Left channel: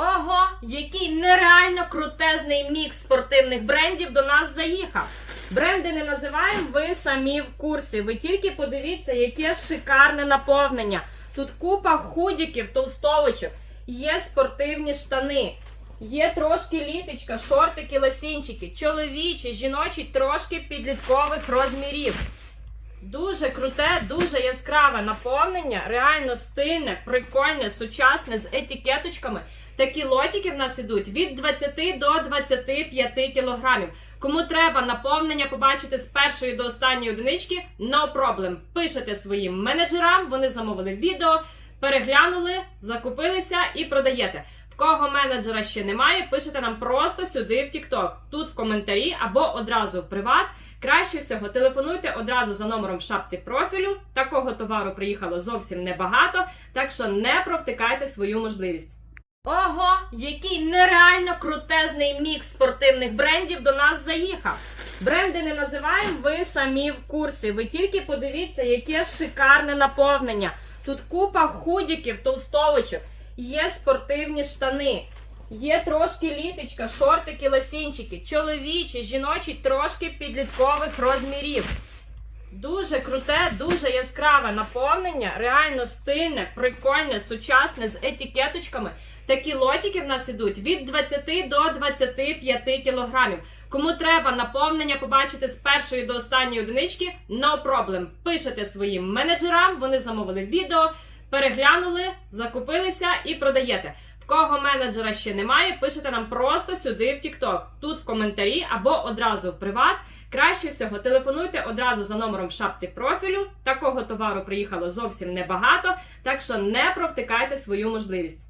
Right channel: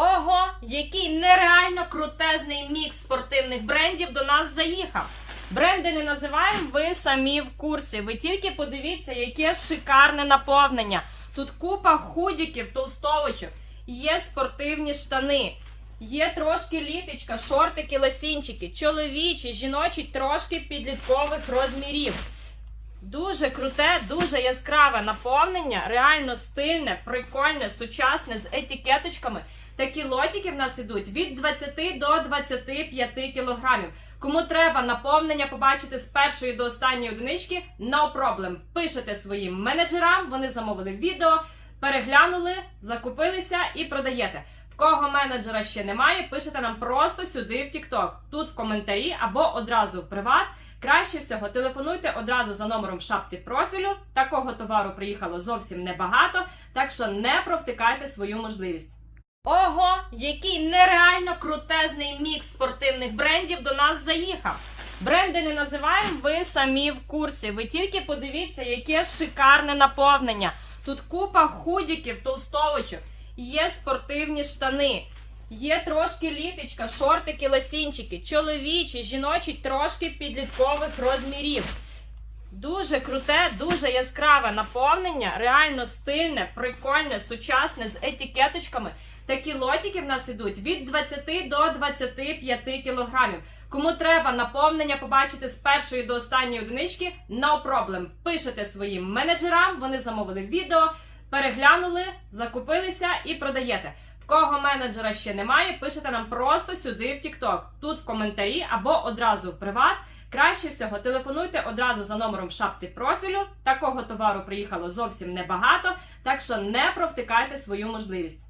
Ого, який нереально крутезний мікс спортивних брендів до нас заїхав. Бренди не називаємо, ви самі в курсі. Ви тільки подивіться, яке шикарне наповнення. Тут купа худіків, толстовочок, є спортивні штани, є трошки літочка, шортики, ласінчики, чоловічі, жіночі, трошки підліткових розмірів. Дуже круте, дуже яскраве наповнення, реально стильне, прикольне, сучасне з етикеточками. Такі лотики в нас ідуть від 20 до 25 кілограмів. Кому треба наповнення побачити з першої до останньої одинички, no problem. Пишете своїм менеджерам, вони замовили відео, переглянули, закупилися і продаєте. В кого менеджера ще немає, пишете нам просто сюди в TikTok, тут в коментарі або одразу в приват. Краще всього телефонуйте одразу за номером в шапці профілю. Такого товару приїхало зовсім небагато, так що не провтикайте свою можливість. Ого, який нереально крутезний мікс спортивних брендів до нас заїхав. Бренди не називаємо, ви самі в курсі. Ви тільки подивіться, яке шикарне наповнення. Тут купа худіків, толстовочок, є спортивні штани. Є трошки літочка, шортики, ласінчики, чоловічі, жіночі, трошки підліткових розмірів. Дуже круте, дуже яскраве наповнення, реально стильне, прикольне, сучасне з етикеточками. Такі лотики в нас ідуть від 20 до 25 кілограмів. Кому треба наповнення побачити з першої до останньої одинички, no problem. Пишете своїм менеджерам, вони замовили відео, переглянули, закупилися і продаєте. В кого менеджера ще немає, пишете нам просто сюди в TikTok, тут в коментарі або одразу в приват. Краще всього телефонуйте одразу за номером в шапці профілю. Такого товару приїхало зовсім небагато, так що не провтикайте свою можливість.